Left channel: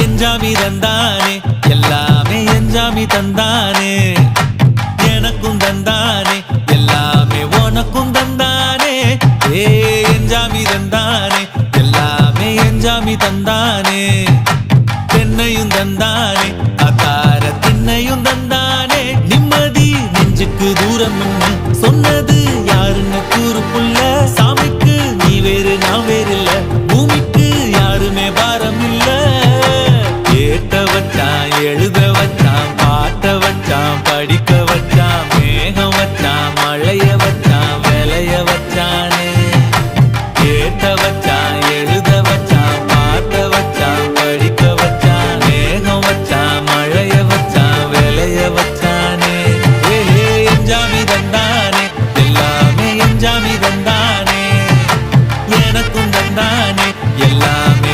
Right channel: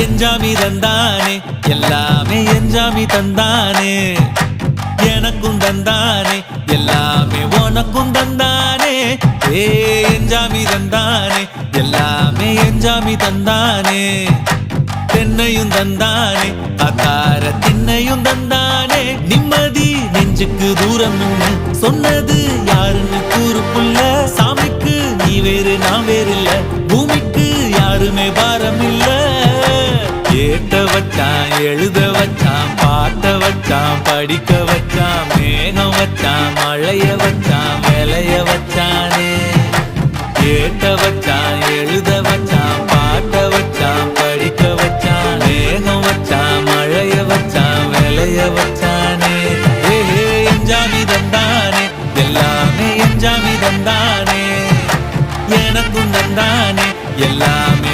எஞ்சாமி தந்தானே எல்லாமே எஞ்சாமி தந்தானே எனக்கும் தந்தானே எல்லாமே உனக்கும் தந்தானே ஏ எஞ்சாமி தந்தானே எல்லாமே எஞ்சாமி தந்தானே தென்னையும் தந்தானே அத்தார திண்ணையும் தந்தானே நிம்மதி நெஞ்சுக்கு தூரம்னு சொன்னது யாருன்னு கூறு புள்ள சாமிக்கு நீ வேறு நான் வேறு இல்ல பூமிக்கு யாருமே பாரம் இல்ல ஏத்த வச்சான் எழுத வச்சான் பாட்ட வச்சான் படிக்க வச்சான் மேகம் வச்சான் மழைய வச்சான் விளைய வச்சானே ஏத்த வச்சான் எழுத வச்சான் பாட்ட வச்சான் படிக்க வச்சான் மேகம் வச்சான் மழைய வச்சான் விளைய வச்சானே ஏஹே எஞ்சாமி தந்தானே எல்லாமே எஞ்சாமி தந்தானே எனக்கும் தந்தானே எல்லாமே